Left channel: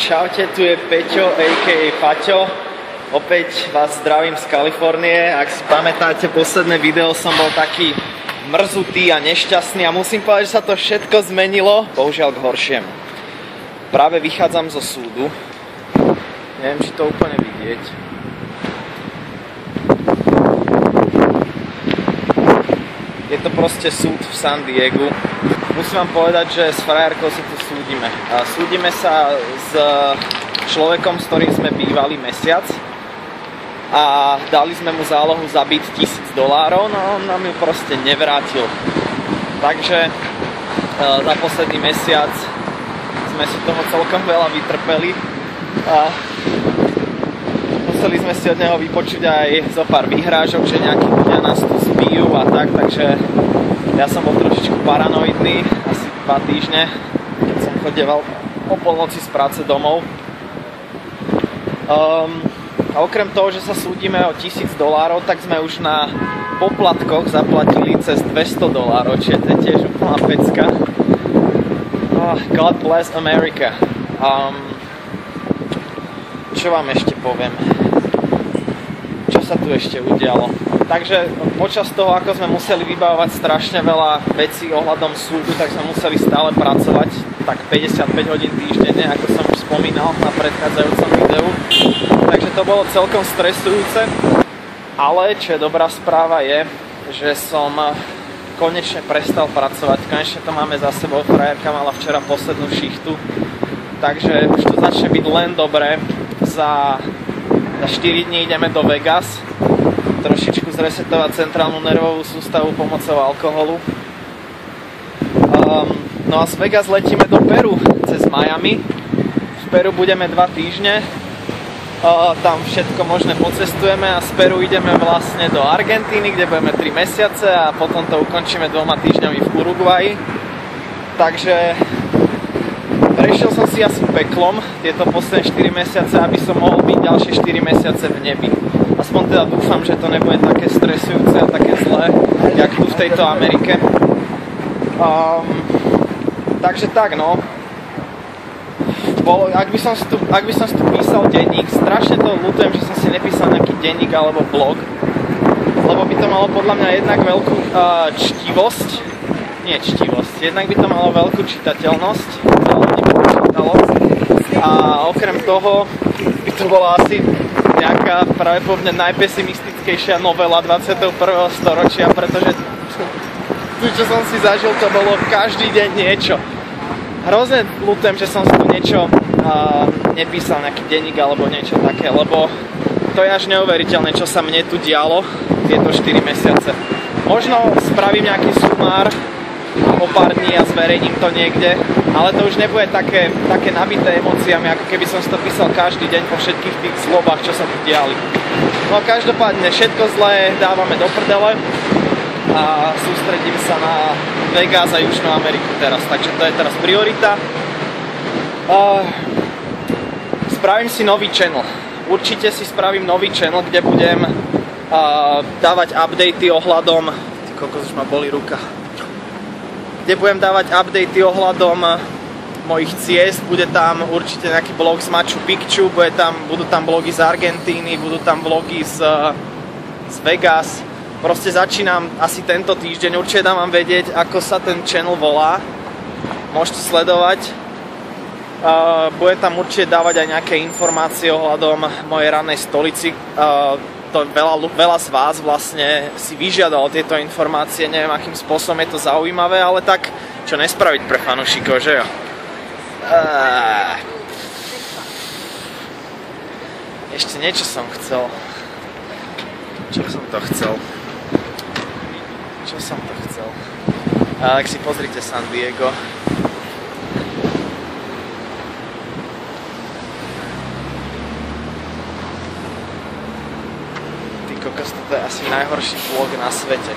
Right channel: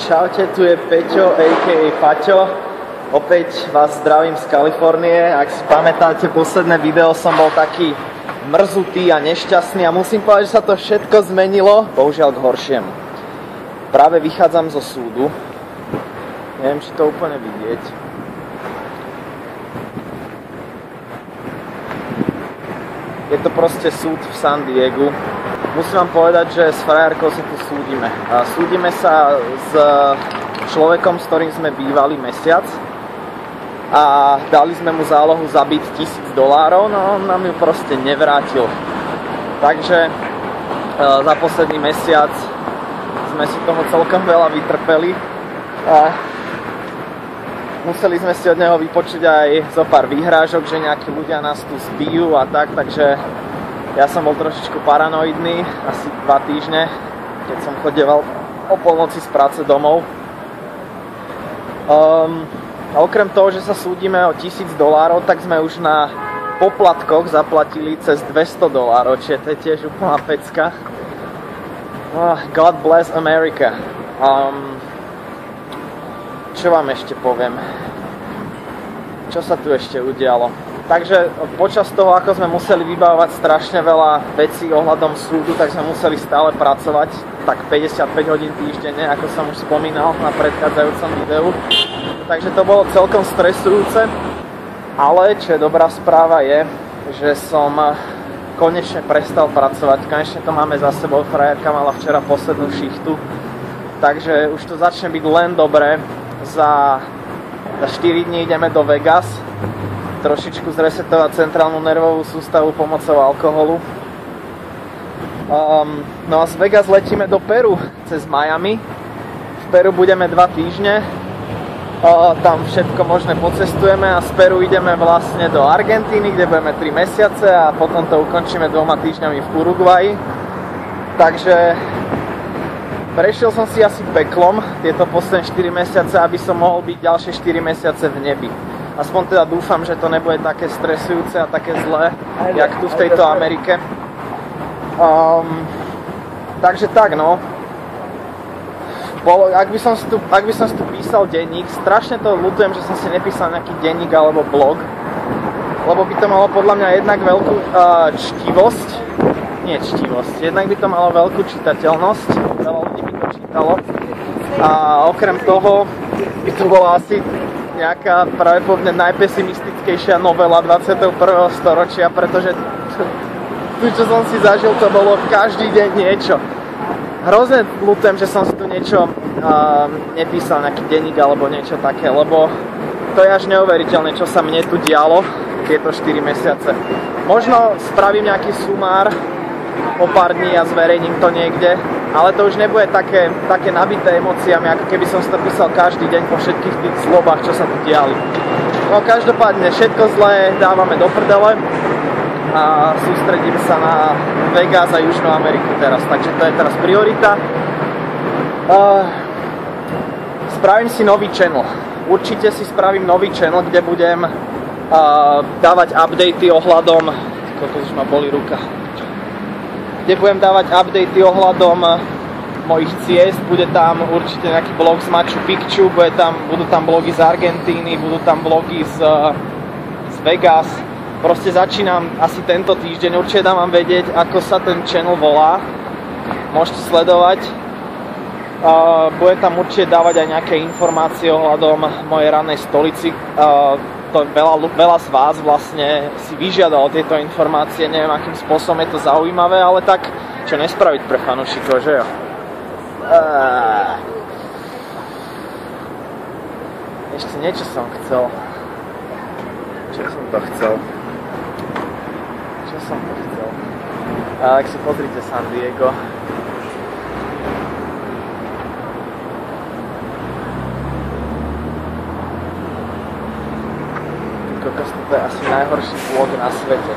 Čaute, tu je Peťo, a.k.a. Paťo. Opäť vás zdravím z Kalifornie. Ak si pamätáte, posledné video som bol taký mrzutý a nešťastný a musím povedať, že sa to všetko zmenilo, bohužiaľ k horšiemu. Práve vychádzam zo súdu. Neviem, či to úplne vidieť. Je to proste súd v San Diegu. Musím vám povedať, že s frajerkou sa tu súdime. Súdime sa s človekom, s ktorým sme bývali mesiac a dali sme mu zálohu za byt $1000, no on nám ju proste nevrátil. Takže za posledný mesiac sme si toho celkom veľa vytrpeli a museli sme si od neho vypočuť aj zo pár výhrážok, že nejakí ľudia nás tu zbijú a tak, takže ja som bol trošičku paranoidný, asi 2 týždne, keď som chodieval o polnoci z práce domov. A okrem toho, že sa súdime o $1000, tak sme už na poplatkoch zaplatili cez $200, čiže to je tiež úplná pecka. God bless America. Čo vám ešte poviem? Čo sa tu ešte udialo? Takže počas toho, ako sme museli vybavovať strašne veľa vecí ohľadom súdu, tak sme museli stále pracovať tak 55 hodín týždenne, ako som už spomínal na predchádzajúcom videu. Takže to bolo celkom stresujúce. Ale čo je dobrá správa je, že som konečne prestal pracovať. Konečne to máme za sebou. Frajerka mala včera poslednú šichtu. Takže už to začne byť len dobré. Za 4 dní ideme do Vegas. Trošičku zresetovať centrálnu nervovú sústavu pomocou alkoholu. No a z Vegas letíme do Peru cez Miami. V Peru budeme 2 týždne. Tam všetko možné pocestujeme a z Peru ideme vlastne do Argentíny, kde budeme 3 mesiace a potom to ukončíme 2 týždňami v Uruguayi. Takže prešiel som si asi peklom tieto posledné 4 mesiace, aby som mohol byť ďalšie 4 mesiace v nebi. Aspoň teda dúfam, že to nebude také stresujúce a také zlé, jak tu v tejto Amerike. Takže tak, no. Ak by som si tu písal denník, strašne to ľutujem, že som si nepísal nejaký denník alebo blog, lebo by to malo podľa mňa jednak veľkú jednak by to malo veľkú čitateľnosť, veľa ľudí by to čítalo a okrem toho by to bola asi nejaká pravdepodobne najpesimistickejšia novela 21. storočia, pretože tu, čo som si zažil, to bolo každý deň niečo. Hrozne ľutujem, že som si tu niečo nepísal, nejaký denník alebo niečo také, lebo to je až neuveriteľné, čo sa mne tu dialo tieto 4 mesiace. Možno spravím nejaký sumár o pár dní a zverejním to niekde, ale to už nebude také nabité emóciami, ako keby som si to písal každý deň po všetkých tých zlobách, čo sa tu diali. No každopádne všetko zlé dávame do prdele a sústredím sa na Vegas a Južnú Ameriku teraz, takže to je teraz priorita. Spravím si nový channel. Určite si spravím nový channel, kde budem dávať updaty ohľadom... Ty kokos, už ma boli ruka. Kde budem dávať updaty ohľadom mojich ciest, bude tam určite nejaký blog z Machu Picchu, budú tam blogy z Argentíny, budú tam blogy z Vegas. Proste začínam asi tento týždeň, určite dám vám vedieť, ako sa ten channel volá. Môžete sledovať. Budem tam určite dávať aj nejaké informácie ohľadom mojej rannej stolici. To veľa z vás vlastne si vyžiadalo tieto informácie, neviem akým spôsobom je to zaujímavé, ale tak čo nespraviť pre fanúšikov, že jo? Ešte niečo som chcel. Čo som to chcel? Tak si pozrite San Diego. Kokos, toto je asi najhorší vlog na svete.